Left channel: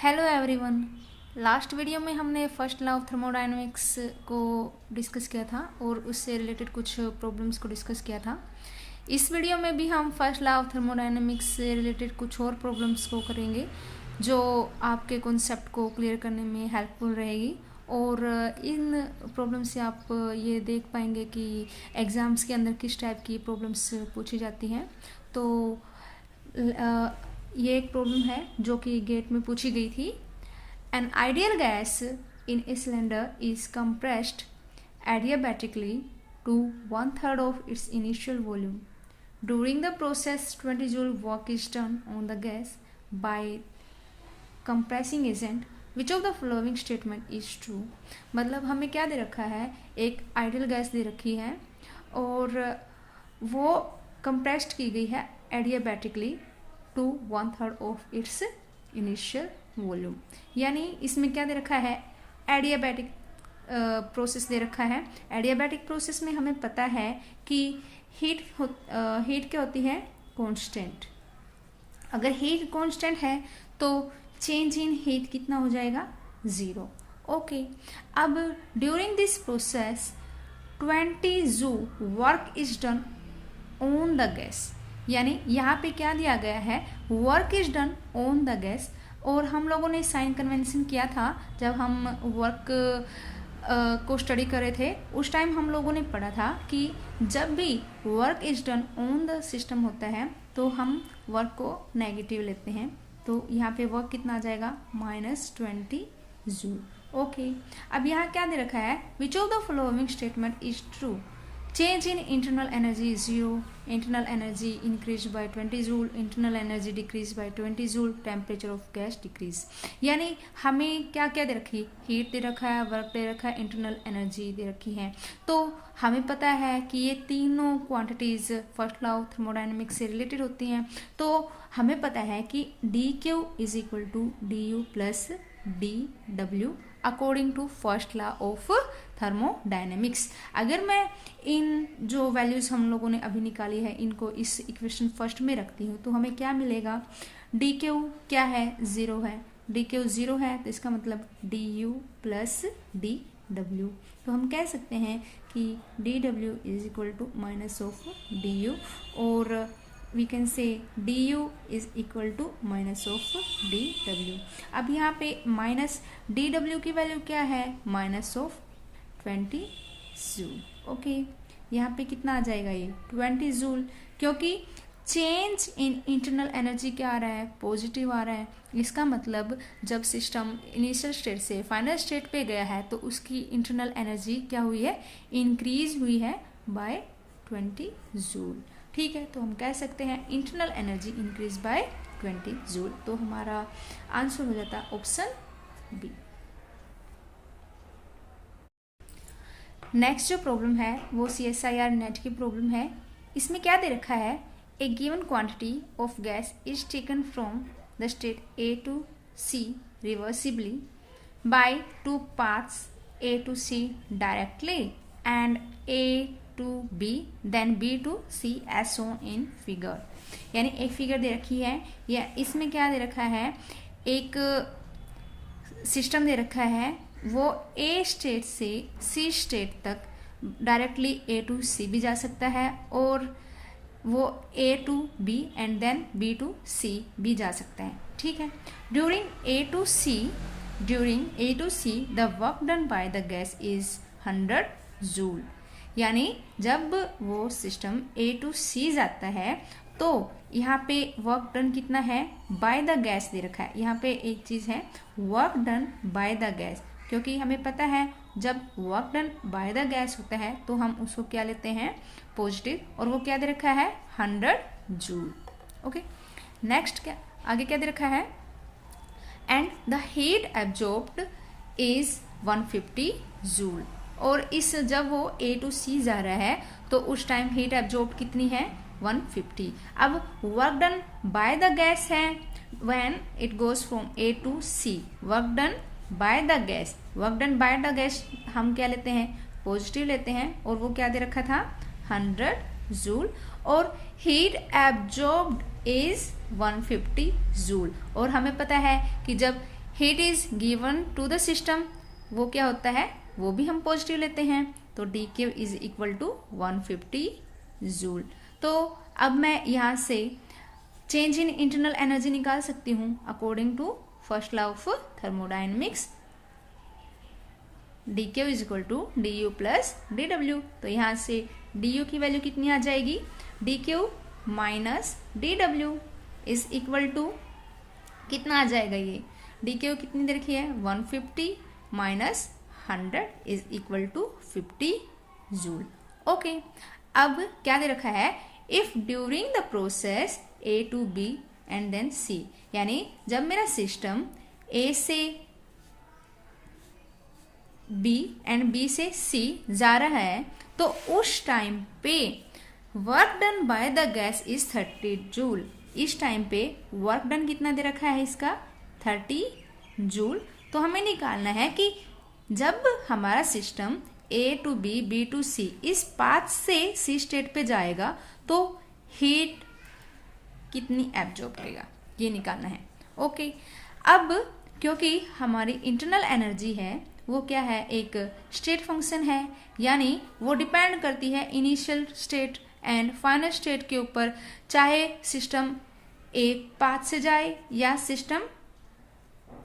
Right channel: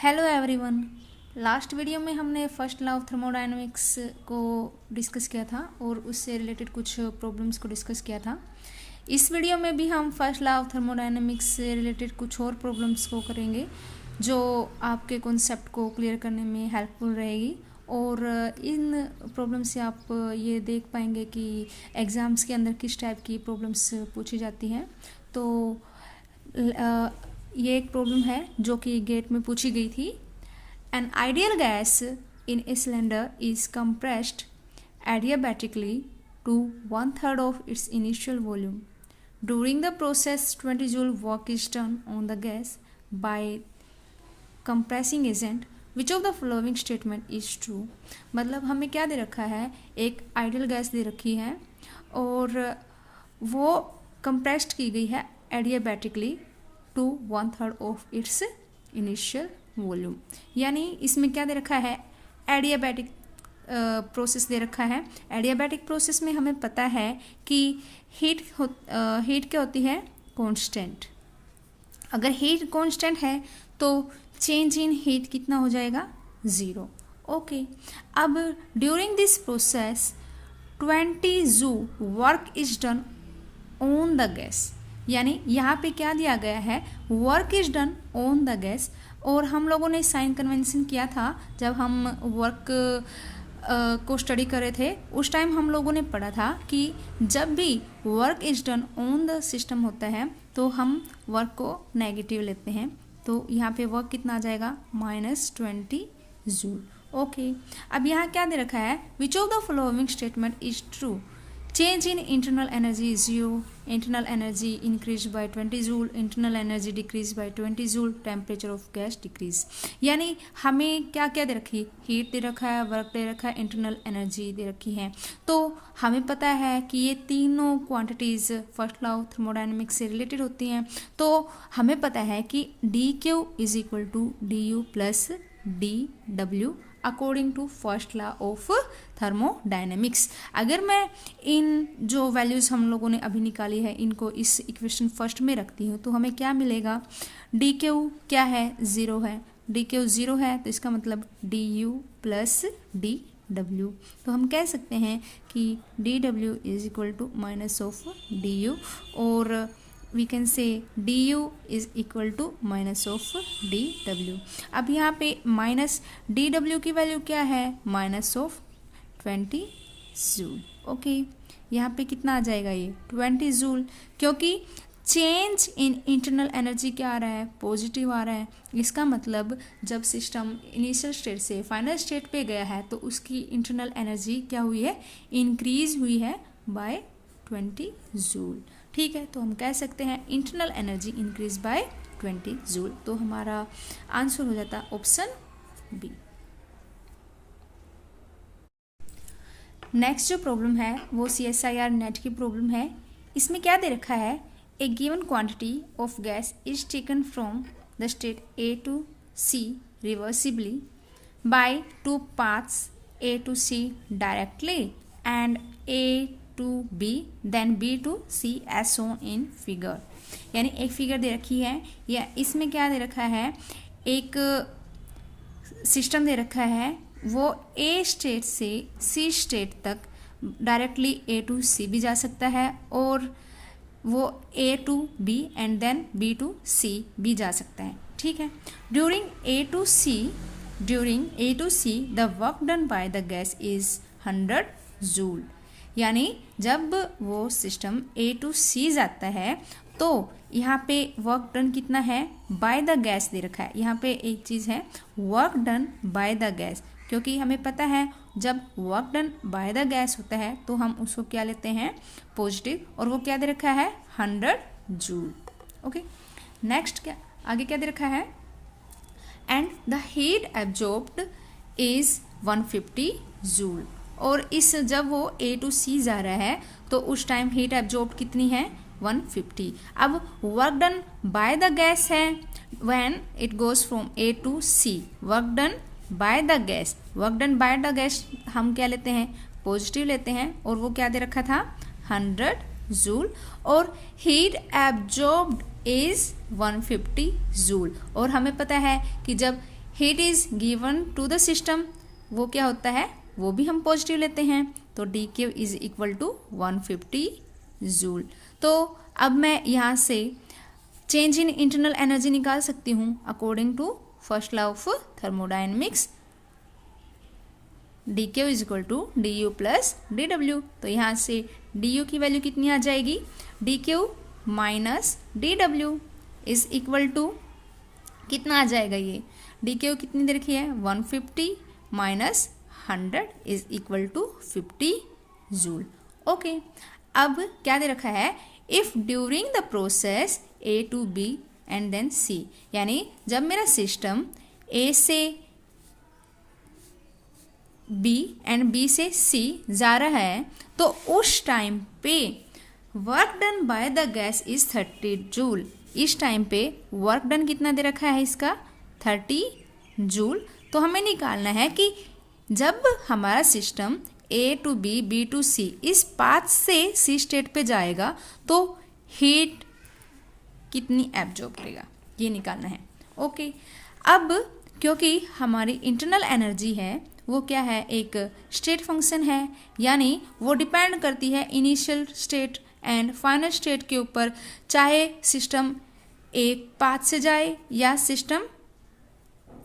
Hello everyone. Last video में हमने first law of thermodynamics को डिस्कस किया था और उससे रिलेटेड कुछ प्रॉब्लम्स को डिस्कस किया था। इस वीडियो में भी हम फर्स्ट लॉ ऑफ थर्मोडायनेमिक्स से रिलेटेड कुछ और प्रॉब्लम्स को करेंगे जो आपके कॉन्सेप्ट को क्लियर करने में हेल्पफुल रहेगी। और इन प्रॉब्लम से आप ये देख पाएंगे कि एग्ज़ाम्स के अंदर किस टाइप की प्रॉब्लम्स पूछी जाती हैं। तो ये एक प्रॉब्लम है जो कि गेट में पूछी गई थी। An ideal gas in a cylinder is compressed adiabatically to 1/3 of its initial volume. During the process, 20 joule work is done on the gas by compressing agent. Which of the following statement is true? मतलब हमें क्या दे रखा है, एक ideal gas दे रखी है और वो कंप्रेस्ड की गई है adiabatically to 1/3 of its initial volume. यानी इसमें क्या दे रखा है, एडियाबैटिक प्रोसेस दे रखा है। एडियाबैटिक प्रोसेस में हमें पता है कि हीट क्या होती है, कांस्टेंट। अगर हीट कांस्टेंट है तो चेंज इन हीट कितना हो जाएगा, 0। ओके, अब during this process 20 joule work is done on the gas. यानी यहाँ पे क्या दिया गया है, work is done on the gas. और हम लोगों ने साइन कन्वेंशन किया था जब हम वर्क को स्टडी कर रहे थे। उस टाइम हम लोगों ने पढ़ा था कि जब भी work is done on the system होता है तो हम वर्क को नेगेटिव लेते हैं। तो यहाँ पे वर्क कितना आ जाएगा, -20 जूल। ओके, अब यहाँ क्या दे रखा है, which of the following statement is true? Change in internal energy is 0, internal energy increased by 20 joule, internal energy decreased by 20 joule, temperature of gas decrease। यानी हमें क्या क्या दे रखी, हीट दे रखा है, वर्क दे रखा है, इंटरनल एनर्जी दे रखी है। तो हमें पता है कि ये तीनों quantities first law of thermodynamics से रिलेटेड होती हैं। तो हमें पता है कि dQ is equal to du plus dW according to first law of thermodynamics. अगर मैं इन जो वैल्यूज़ हम लोगों ने अभी निकाली है इनको इस इक्वेशन फर्स्ट में रखती हूँ तो हमें क्या मिलेगा, dQ क्या है, 0 है। dQ 0 है तो इसका मतलब du प्लस dW। तो हम कह सकते हैं कि dW is equal to minus of du और we can say du is equal to minus of dW। अब यहाँ पे माइनस dW की वैल्यू क्या है, माइनस ऑफ 20 जूल। ओके, यहाँ पे कितना आ जाएगा, ये 20 जूल, क्योंकि चेंज इन इंटरनल एनर्जी क्या आ रहा है, पॉजिटिव आ रहा है। इसका मतलब जब सिस्टम इनिशियल स्टेट से फाइनल स्टेट पे गया है तो उसकी इंटरनल एनर्जी क्या हुई है, इंक्रीज हुई है बाय 20 जूल। ठीक है, तो हम कह सकते हैं internal energy increase by 20 joule. तो हमारा आंसर हो जाता है ऑप्शन बी। नेक्स्ट जो प्रॉब्लम है वो CSIR नेट की प्रॉब्लम है। इसमें क्या दे रखा है, a given quantity of gas is taken from the state A to C reversibly by 2 paths A to C directly and A to B then B to C as shown in figure। यानी एक figure दे रखी है या इसमें क्या दे रखा है, एक सिस्टम दे रखा है, वो A स्टेट से C स्टेट तक डायरेक्टली A to C भी जा सकता है और वो A to B and then B to C भी जा सकता है। ठीक है, during A to C the work done by the gas is 100 joule. यानी जब वो सिस्टम A to C जाता है तो यहाँ पे वर्क डन कितना है, बाय द गैस दे रखा है। यहाँ पे एक चीज़ है, work done by the gas, क्योंकि हमें पता है जब work done by the gas होता है तो हम उसको क्या लेते हैं, पॉजिटिव, और वो क्या दे रखा है, 100 जूल। ओके, नेक्स्ट क्या आगे क्या दे रखा है, and the heat absorbed is 150 joule. और इस जब वो A to C जा रहा है तो उस टाइम हीट एब्जॉर्ब कितनी है, 150। अब work done by the gas है, when it goes from A to C, work done by the gas, work done by the gas हम क्या लेते हैं, पॉजिटिव लेते हैं, और वो क्या दे रखा था, 100 जूल। और हीट एब्जॉर्ब्ड इज 150 जूल। और हमें पता है कि जब heat is given to the system, वो क्या होता है, वो भी हम पॉजिटिव लेते हैं, तो d Q is equal to 150 joule. तो अब मैं यहाँ से चेंज इन इंटरनल एनर्जी निकाल सकती हूँ according to first law of thermodynamics, D Q is equal to D you plus D डब्ल्यू। तो यहाँ से डी यू की वैल्यू कितनी आ जाएगी, d q minus d W is equal to कितना आ जाएगा, ये डी क्यू कितनी दे रखी है 150 minus 100 is equal to 50 joule. Okay, अब क्या दे रखा है, if during the process A to B and then C, यानी जब मेरा सिस्टम ए से बी एंड बी से सी जा रहा है तो उस टाइम पे work done by the gas is 30 joule. इस टाइम पे वर्क डन कितना दे रखा है इसका 30 जूल। तो हमें निकालना है कि जब हमारा system A to B B to C इस पाथ से सी स्टेट पे जाएगा तो हीट कितनी एब्जॉर्ब करेगा, ये निकालना है। ओके, अब क्योंकि हमारी इंटरनल एनर्जी है वो क्या है, एक स्टेट फंक्शन है, यानी वो डिपेंड करती है initial state and final state के ऊपर, चाहे सिस्टम एक पाथ से जाए या सिस्टम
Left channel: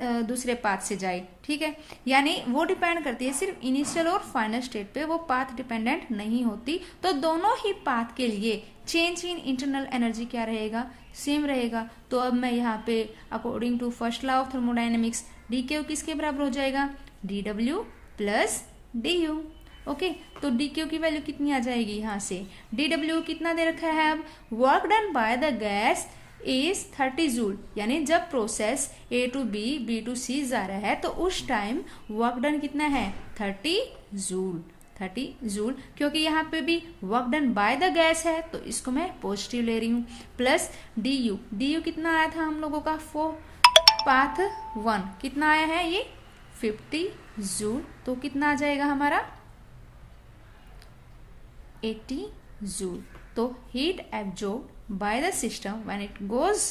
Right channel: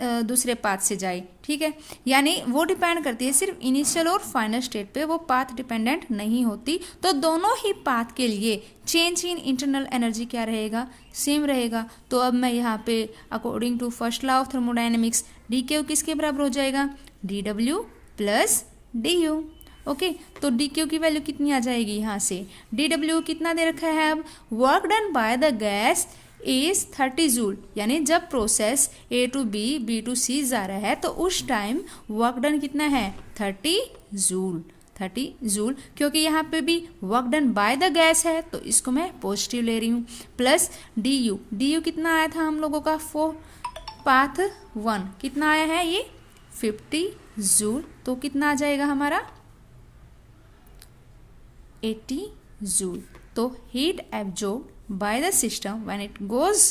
दूसरे पाथ से जाए, ठीक है। यानी वो डिपेंड करती है सिर्फ इनिशियल और फाइनल स्टेट पे, वो पाथ डिपेंडेंट नहीं होती। तो दोनों ही पाथ के लिए चेंज इन इंटरनल एनर्जी क्या रहेगा, सेम रहेगा। तो अब मैं यहाँ पे according to first law of thermodynamics D q किसके बराबर हो जाएगा, डी डब्ल्यू प्लस डी यू। ओके, तो डी क्यू की वैल्यू कितनी आ जाएगी, यहाँ से डी डब्ल्यू कितना दे रखा है, अब work done by the gas is 30 joule, यानी जब process A to B B to C जा रहा है तो उस टाइम वर्क डन कितना है 30 जूल। 30 जूल, क्योंकि यहाँ पे भी work done by the gas है तो इसको मैं पॉजिटिव ले रही हूँ, plus d you. D you कितना आया था हम लोगों का फॉर पाथ 1 कितना आया है, ये 50 जूल। तो कितना आ जाएगा हमारा 80 जूल। तो heat absorb by the system when it goes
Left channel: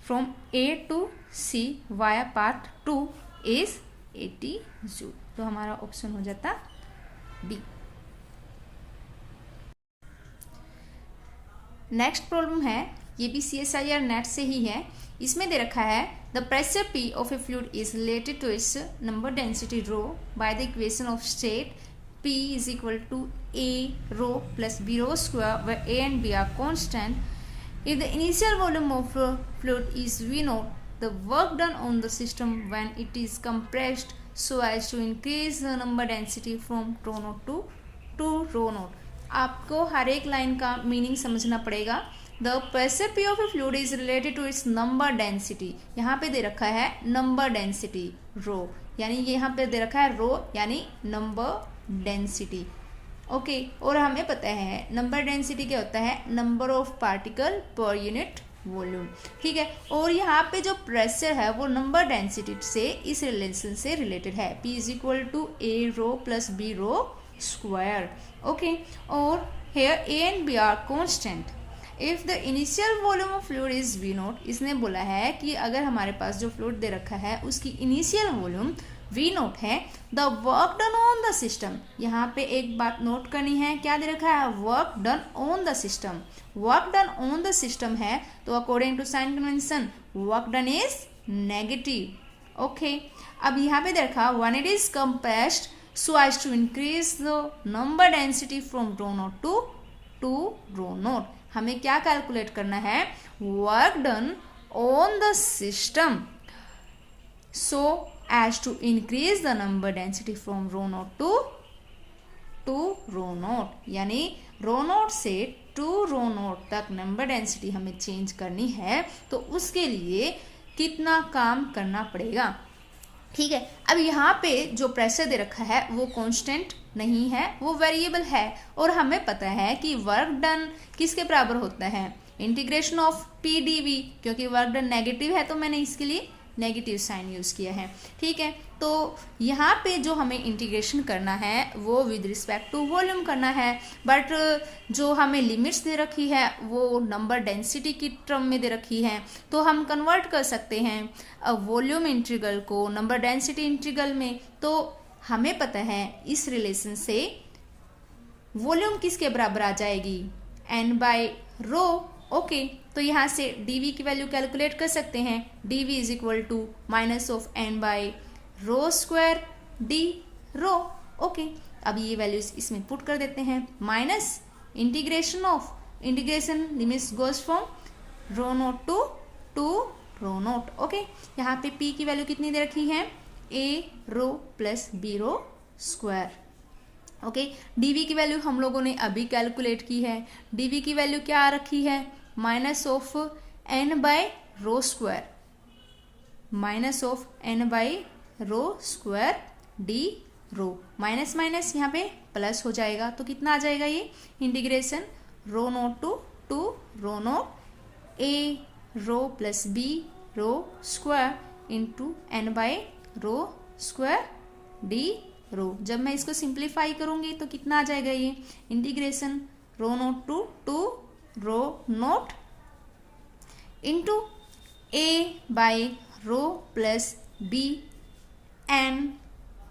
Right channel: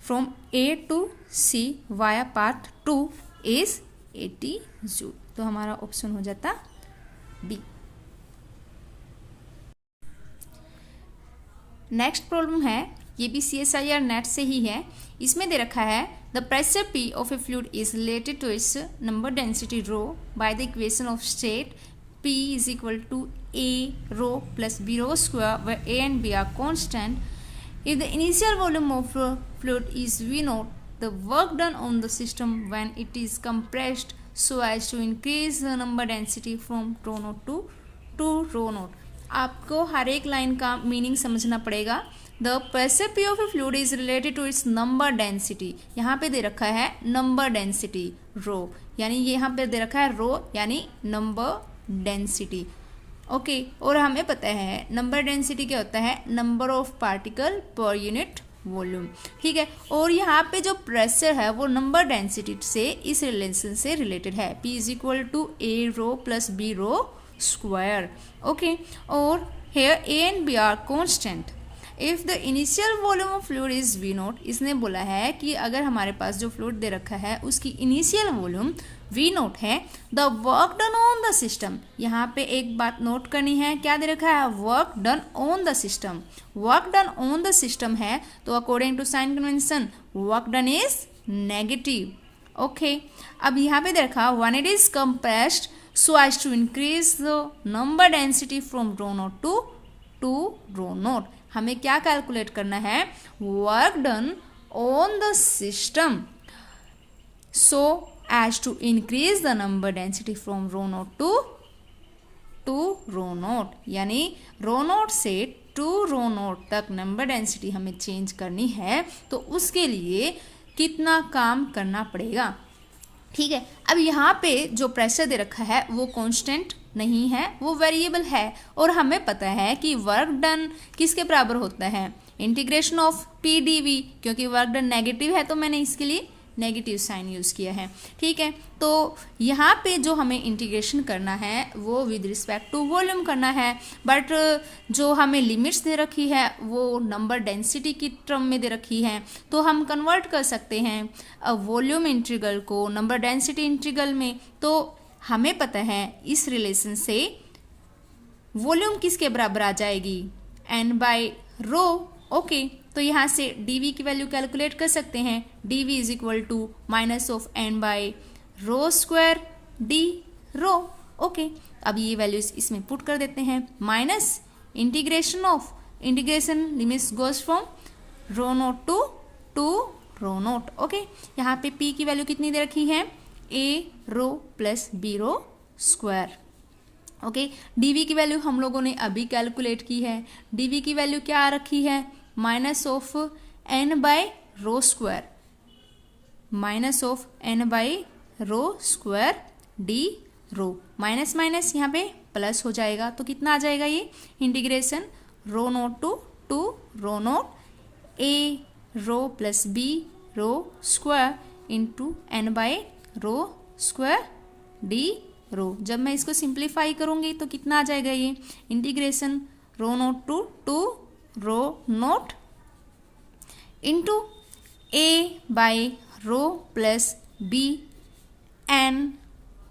from A to C via path 2 is 80 joule। तो हमारा ऑप्शन हो जाता B। नेक्स्ट प्रॉब्लम है, ये भी CSIR नेट से ही है। इसमें दे रखा है the pressure P of a fluid is related to its number density rho by the equation of state P is equal to A rho plus B rho square, where A and B are constant. If the initial volume of fluid is V naught, the work done on the system when it is compressed so as to increase the number density from rho naught to rho naught. आपको हर एक line का meaning समझना पड़ेगा। The pressure P of a fluid is related to its number density। यहाँ पे दे रखा है number density rho, यानी यहाँ पे दे रखा है rho यानी number डेंसिटी। ओके, और हमें पता है नंबर डेंसिटी क्या होता है, number of particle per unit volume, ठीक है। और यहाँ पे जो प्रेशर है वो नंबर डेंसिटी से इस रिलेशन से रिलेटेड है, P is equal to A rho plus B rho square. Okay, और here A and B are constant if the initial volume of fluid is V naught. इसने बोला है कि अगर हमारे पास जो फ्लूइड दे रखा है उसकी इनिशियल वॉल्यूम V नोट है, the work done on the system. यहाँ पे एक बात नोट करनी है, क्या दे रखा है, work done on the system. Work done on the system है तो according to sign convention work done is negative. Okay, अब यहाँ पे दे रखा when it is compressed so as to increase the number density from rho naught to rho naught. हमें क्या calculate करना है, work done on the system so as to increase the number density from rho naught to rho naught, यानी rho naught से to rho naught तक number density हमें change करनी है तो उसके लिए कितना काम करना पड़ेगा, ठीक है। अब यहाँ पे जो प्रेशर दे रखा है वो कांस्टेंट नहीं है, वो वेरिएबल है, और हमें पता है कि वर्क डन किसके बराबर होता है, integration of P D v. क्योंकि वर्क डन नेगेटिव है तो मैंने इसके लिए नेगेटिव साइन यूज किया है। ठीक है, तो यहाँ पे जो हमें इंटीग्रेशन करना है वो विद रिस्पेक्ट टू वॉल्यूम करना है, बट जो हमें लिमिट्स दे रखी है वो नंबर डेंसिटी की टर्म में दे रखी है, तो हम कन्वर्ट कर सकते हैं वॉल्यूम इंटीग्रल को नंबर डेंसिटी इंटीग्रल में। तो हमें पता है इस रिलेशन से वॉल्यूम किसके बराबर आ जाएगी, n बाय रो। ओके, तो यहाँ से dv की वैल्यू कैलकुलेट कर सकते हैं, dv is equal to minus of n by rho square d rho. Okay, अब ये वैल्यूज इसमें पुट कर देते हैं, minus integration limits goes from rho naught to rho naught. Okay, यहाँ पे p की वैल्यू कितनी दे रखी है, a rho plus b rho square. Okay, dv की वैल्यू हम लोगों ने अभी कैलकुलेट की है, dv की वैल्यू क्या आ रखी है, minus of n by rho square, minus of n by rho square d rho, minus minus यहाँ पे प्लस हो जाएगा, तो कितना आ जाएगा ये integration rho naught to rho naught a rho plus b rho square into n by rho square d rho. जब मैं इसको सिंप्लीफाई करूंगी तो कितना आ जाएगा, ये integration rho naught to rho naught into a by rho plus b n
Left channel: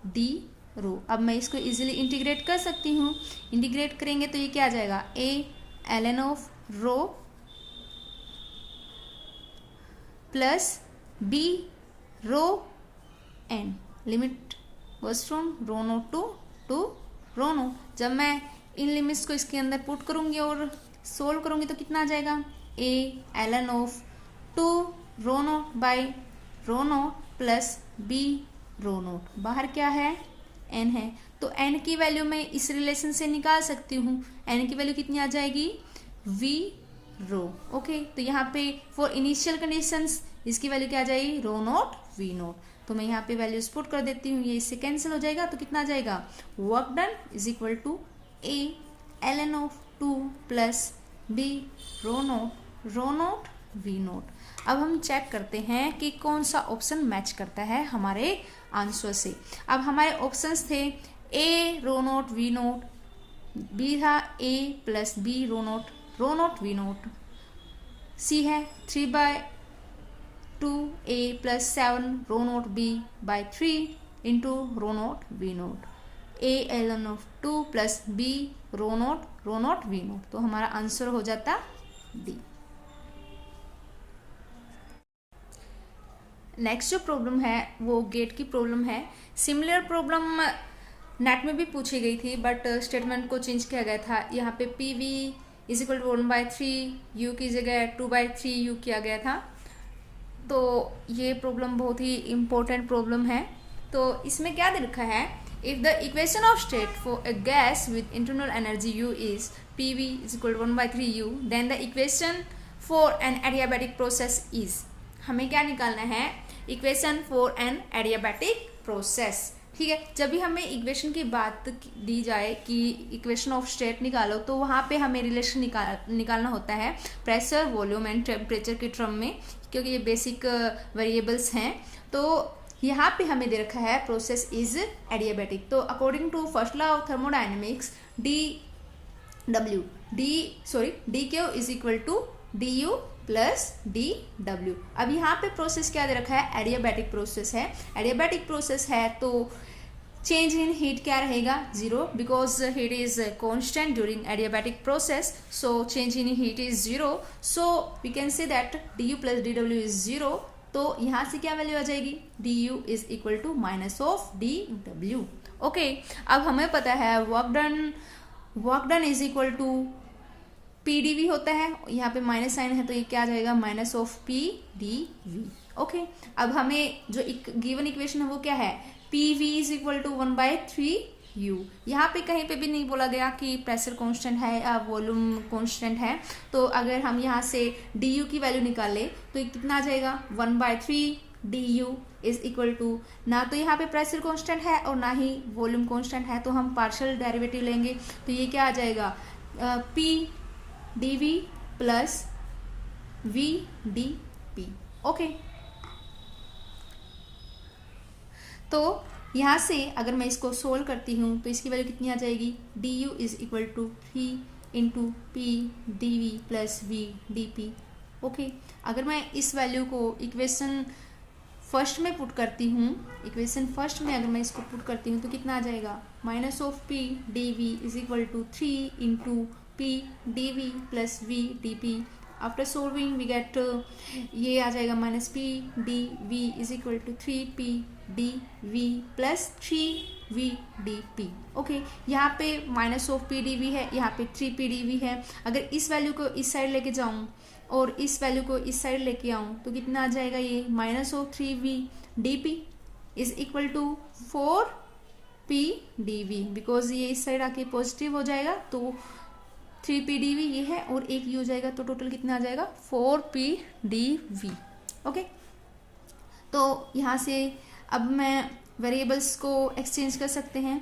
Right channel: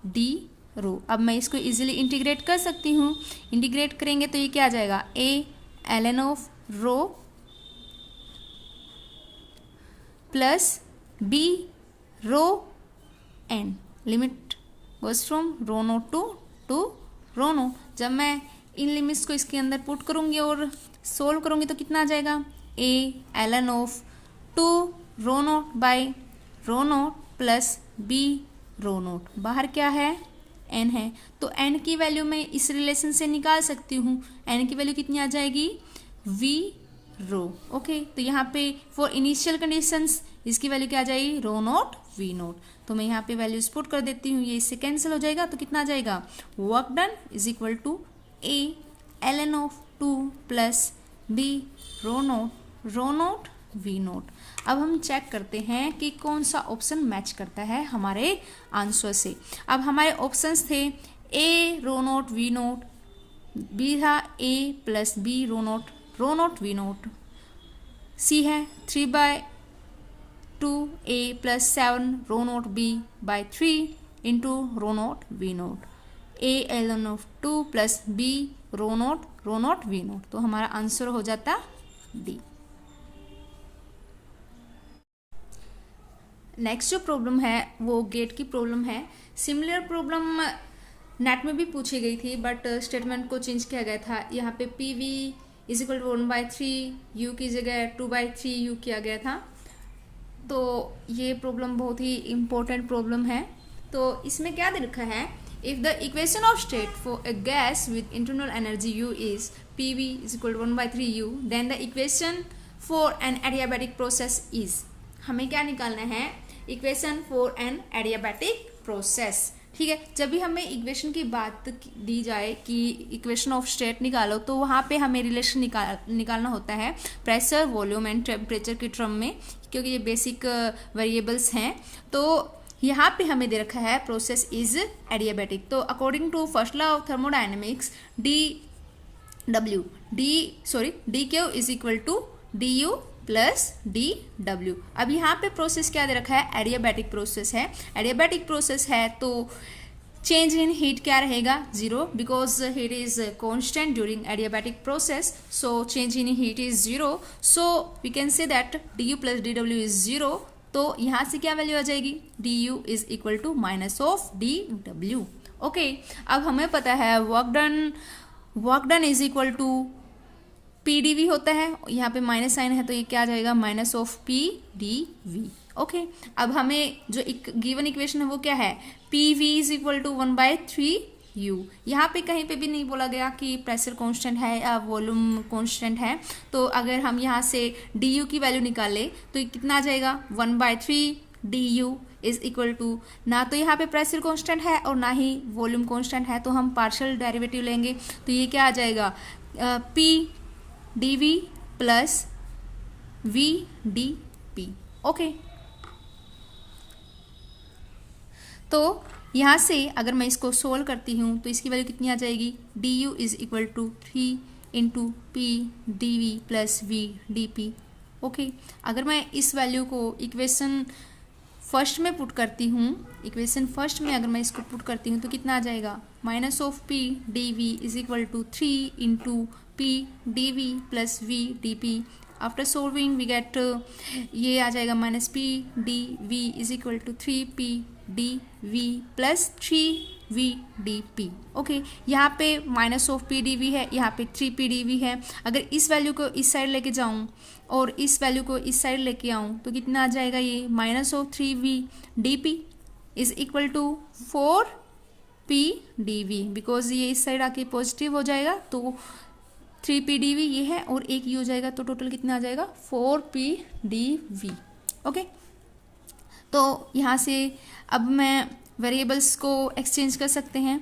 d rho. अब मैं इसको इजीली इंटीग्रेट कर सकती हूँ, इंटीग्रेट करेंगे तो ये क्या आ जाएगा, a ln of rho plus b rho n, limit goes from rho naught to rho naught. जब मैं इन लिमिट्स को इसके अंदर पुट करूंगी और सोल्व करूंगी तो कितना आ जाएगा, a ln of two rho naught by rho naught plus b rho naught, बाहर क्या है n है, तो n की वैल्यू मैं इस रिलेशन से निकाल सकती हूँ, n की वैल्यू कितनी आ जाएगी, v रो। ओके, तो यहाँ पे फॉर इनिशियल कंडीशंस इसकी वैल्यू क्या आ जाएगी, रो नोट v नोट। तो मैं यहाँ पे वैल्यूज पुट कर देती हूँ, ये इससे कैंसिल हो जाएगा, तो कितना आ जाएगा, work done is equal to a ln of two plus b rho naught v naught. अब हम चेक करते हैं कि कौन सा ऑप्शन मैच करता है हमारे आंसर से। अब हमारे ऑप्शंस थे a rho naught v naught, b था a plus b rho naught v naught, c है 3/2 a plus 7 rho naught b by 3 into rho naught v naught, a ln of 2 plus b rho naught v naught. तो हमारा answer हो जाता D. Next जो problem है वो gate की problem है। सिमिलर प्रॉब्लम नेट में भी पूछी गई थी, बट स्टेटमेंट को चेंज किया गया था। यहाँ पे P V is equal to 1/3 U की जगह 2/3 यू किया गया था। तो ये प्रॉब्लम बहुत ही इम्पोर्टेंट प्रॉब्लम है। तो इसमें क्या दे रखा है, if the equation of state for a gas with internal energy U is P V is equal to 1/3 U, then the equation for an adiabatic process is. हमें क्या निकालना है, equation for an adiabatic process. ठीक है, जब भी हमें equation की बात दी जाए कि इक्वेशन ऑफ स्टेट निकालो, तो वहाँ पे हमें रिलेशन निकालना होता है प्रेशर, वॉल्यूम एंड टेम्परेचर के टर्म में, क्योंकि ये बेसिक वेरिएबल्स हैं। तो यहाँ पे हमें दे रखा है प्रोसेस इज एडियाबैटिक। तो according to first law of thermodynamics D Q is equal to D you plus D W. अब यहाँ पे प्रोसेस क्या दे रखा है, एडियाबैटिक प्रोसेस है। एडियाबैटिक प्रोसेस है तो चेंज इन हीट क्या रहेगा, 0, because heat is constant during adiabatic process, so change in heat is 0। So we can say that D you plus D W is 0। तो यहाँ से क्या वैल्यू आ जाएगी, D U is equal to minus of D W. Okay, अब हमें पता है work done is equal to P D V होता है, यहाँ पे माइनस साइन है तो ये क्या आ जाएगा, माइनस ऑफ पीडीवी। ओके, अब हमें जो गिवन इक्वेशन है वो क्या है, P V is equal to 1/3 U. यहाँ पे कहीं पे भी नहीं बोला गया कि प्रेशर कांस्टेंट है या वॉल्यूम कांस्टेंट है। तो अगर हम यहाँ से डी यू की वैल्यू निकाले तो ये कितना आ जाएगा, 1/3 D U is equal to, ना तो यहाँ पे प्रेशर कांस्टेंट है और ना ही वॉल्यूम कांस्टेंट है, तो हम पार्शियल डेरिवेटिव लेंगे तो ये क्या आ जाएगा, P dv plus v dt। Okay, तो यहाँ से अगर मैं इसको सोल्व करती हूँ तो इसकी वैल्यू कितनी आ जाएगी, D U is equal to 3 into P D V plus V D P. Okay, अगर मैं इस वैल्यू को इक्वेशन फर्स्ट में पुट करती हूँ, इक्वेशन फर्स्ट में अगर मैं इसको पुट करती हूँ तो कितना आ जाएगा, minus of P D V is equal to 3 into P D V plus V D P. After solving we get ये आ जाएगा minus P D V is equal to 3 P D V plus 3 V D P. Okay, यहाँ पे minus of P D V है, यहाँ पे 3 P D V है। अगर इस वैल्यू को इस साइड लेके जाऊँ और इस वैल्यू को इस साइड लेके आऊँ तो कितना आ जाएगा, ये minus of 3 V D P is equal to 4 P D V, because ये इस साइड आके पॉजिटिव हो जाएगा तो 3 पी डी वी ये है और एक ये हो जाएगा, तो टोटल कितना आ जाएगा 4 पी डी वी। ओके, तो यहाँ से अब मैं वेरिएबल्स को एक्सचेंज कर सकते हैं।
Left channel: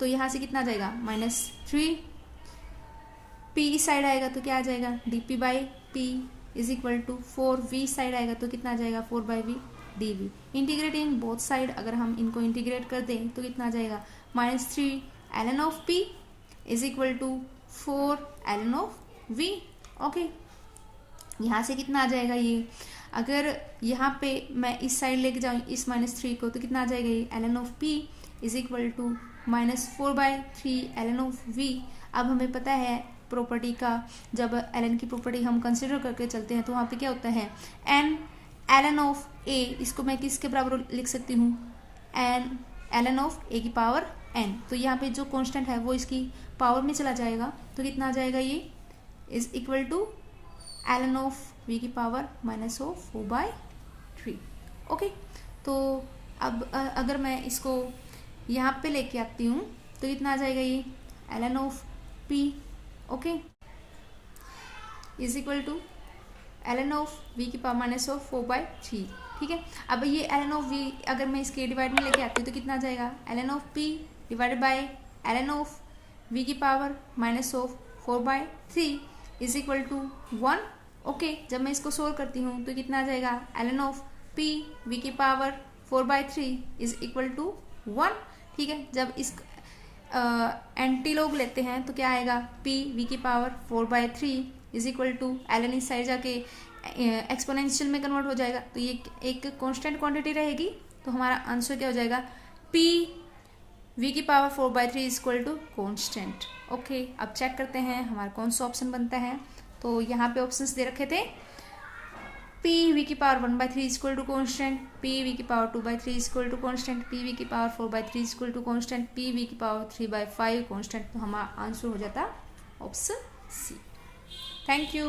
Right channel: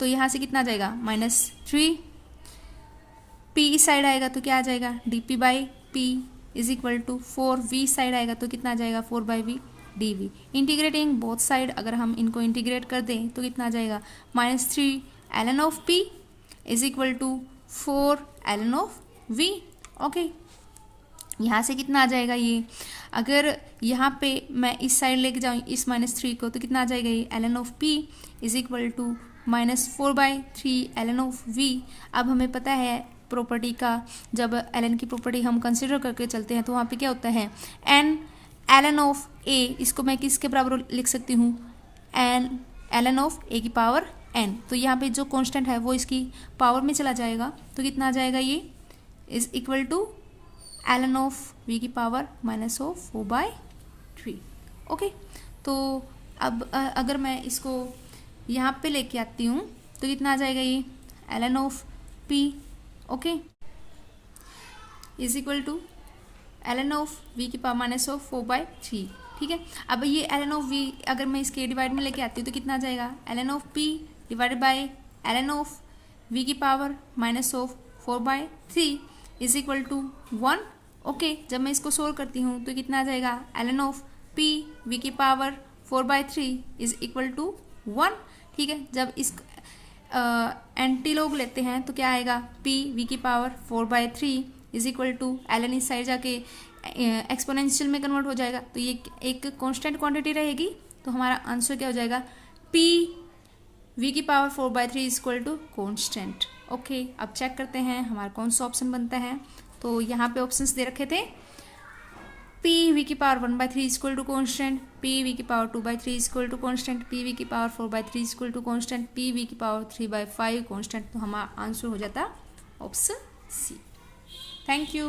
तो यहाँ से कितना आ जाएगा, -3 पी इस साइड आएगा तो क्या आ जाएगा, D P by P is equal to 4 V side आएगा तो कितना आ जाएगा, 4 by V D V. Integrating both side अगर हम इनको इंटीग्रेट कर दें तो कितना आ जाएगा, -3 ln of P is equal to 4 ln of V. Okay, यहाँ से कितना आ जाएगा, ये अगर यहाँ पे मैं इस साइड लेके जाऊँ इस -3 को तो कितना आ जाएगा, ये ln of p is equal to -4/3 ln of v। अब हमें पता है प्रॉपर्टी का, जब ln की प्रॉपर्टी हम कंसिडर करके चलते हैं तो वहाँ पे क्या होता है, n ln ऑफ a, इसको मैं किसके बराबर लिख सकती हूँ, n ln ऑफ a की पावर n। तो यहाँ पे जो कांस्टेंट है वो इसकी पावर में चला जाएगा तो कितना आ जाएगा, ये is equal to ln of v की पावर -4/3। ओके, तो अब अगर मैं इसको यहाँ पे लेके आती हूँ तो कितना आ जाएगा, ये ln of p okay is equal to ln of v की पावर -4/3। ठीक है, अब ये ln ऑफ v अगर मैं इसके डिवाइड में लेके आती हूँ तो कितना आ जाएगा, ln of p divided by ln of v की power -4/3 is equal to 1। Okay, जब मैं इसको सोल्व करती हूँ तो कितना आ जाएगा, ln ऑफ p v की पावर 4/3 इज इक्वल टू 1। ठीक है, जब इस एंटीलॉग लेते हैं तो क्या आएगा, p v की power 4/3 is equal to ln इस साइड जाके एक्सपोनेंशियल में कन्वर्ट हो जाएगा तो ये एक कांस्टेंट क्वांटिटी रहेगी। तो हमारा आंसर क्या हो जाएगा, p v की power 4/3 is equal to constant. Okay, अब चेक करते हैं हमारा कौन सा ऑप्शन बनता है। तो यहाँ पे ऑप्शंस दे रखे थे, p v की power 1/3 is equal to constant, p v की power 2/3 is equal to constant, p v की power 4/3 is equal to constant, p v की पावर 3/5 कॉन्स्टेंट। तो हमारा आंसर हो जाता ऑप्शन सी। Thank you.